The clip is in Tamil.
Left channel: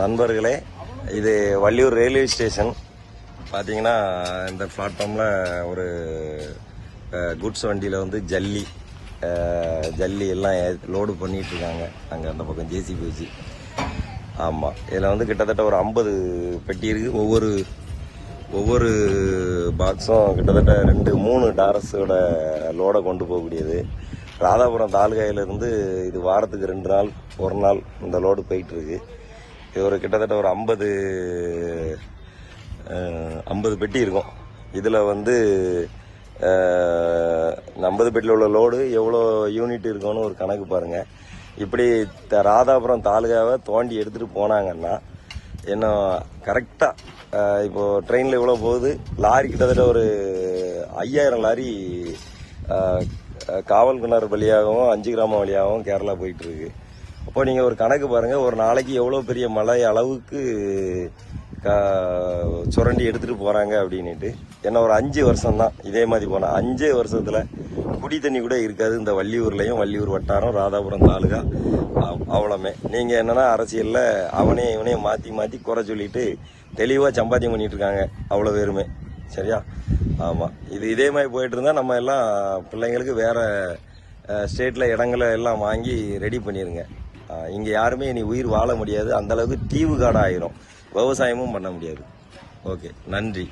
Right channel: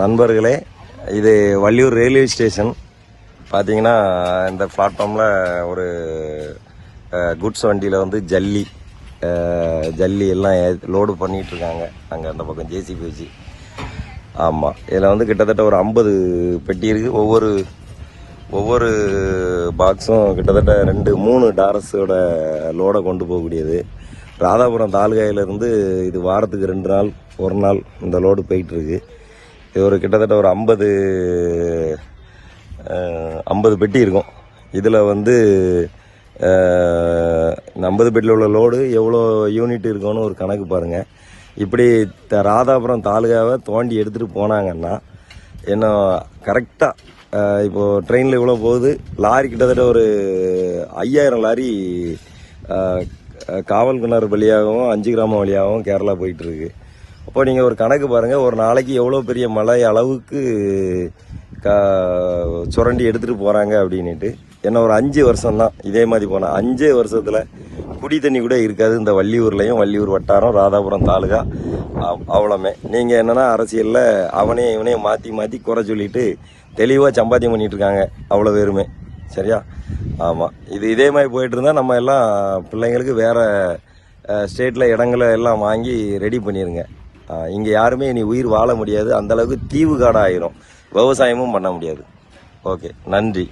நண்பர்களே, இது வள்ளியூர் ரயில்வே ஸ்டேஷன். பார்த்தீங்கன்னா இந்த பிளாட்ஃபார்மில் ஒரு குட்ஸ் வண்டியில் வந்து ஜல்லி எல்லாம் லோடு பண்ணிகிட்டு இருக்காங்க. அங்கே அந்த பக்கம் ஜேசிபி வச்சு. ஆமாம், இதில் வந்து கிட்டத்தட்ட ஒரு 50 பெட்டி இருக்குது. ஒவ்வொரு பாக்ஸும் கிட்டத்தட்ட 2-3 டாரஸோட லோடை கொண்டு போகக்கூடியது. ராதாபுரம் தாலுகாயிலிருந்து இது வாரத்துக்கு 2 நாள் 1 நாள் இந்த லோடு போயிட்டுருக்கு. இது ஒரு கிட்டத்தட்ட ஒரு 50 பெட்டி இருக்கும். இதில் வந்து 50 பெட்டியில் உள்ள லோடு எவ்வளோ யூனிட் இருக்குன்னு ஒரு கணக்கு பாருங்கள். இப்படி ராதாபுரம் தாலுகாவை தோண்டி எடுத்துகிட்டு போனாங்கன்னா என்ன கரெக்டாக இப்போது ட்ரெயினில் இவ்வளோ போகுது, லாரி கிட்டத்தட்ட ஒரு 5000 லாரி காவல் கிணறு வழியாகவும் 5 கிராமம் வழியாகவும் கேரளா போயிட்டுருக்கு. அப்போ நீங்கள் ஒரு கணக்கு பாருங்கள், ஒரு நாளைக்கு எவ்வளோ பெரிய மழை அளவுக்கு சுரண்டி எடுத்துகிட்டு போகிறாங்க அப்படின்ட்டு. ஏன்னா ஒரு 5 வருஷம் தான் இதே மாதிரி போனால் 5 வருஷத்தில் குடி தண்ணி கூட இருக்காது இந்த வள்ளியூர்லேயும். வள்ளியூர் வட்டாரம் ராதாபுரம் தாலுகா அவ்வளோமே. நீங்கள் என்னென்னா அரசியலில் இவனையும் மாற்றி குறை சொல்லிட்டு தெளிவாக சம்பாத்தியம் பண்ணிகிட்டு இருக்காங்க அவ்வளோ பேருமே. சரியா? ஆமாம், இதே மாதிரி போயிட்டு இருந்தால் நம்ம எல்லாம் பிள்ளைங்களுக்கு வேறு ஸ்டேட்டில் இடங்களை எல்லாம் வாங்கி ரெடி பண்ணிடுங்க. இங்கே யாருமே இனி உயிர் வாழ முடியாது. அந்தளவுக்கு தீவு காடாக ஆயிரும். விவசாயமும் பண்ண முடியாது. ஓகே, நன்றி.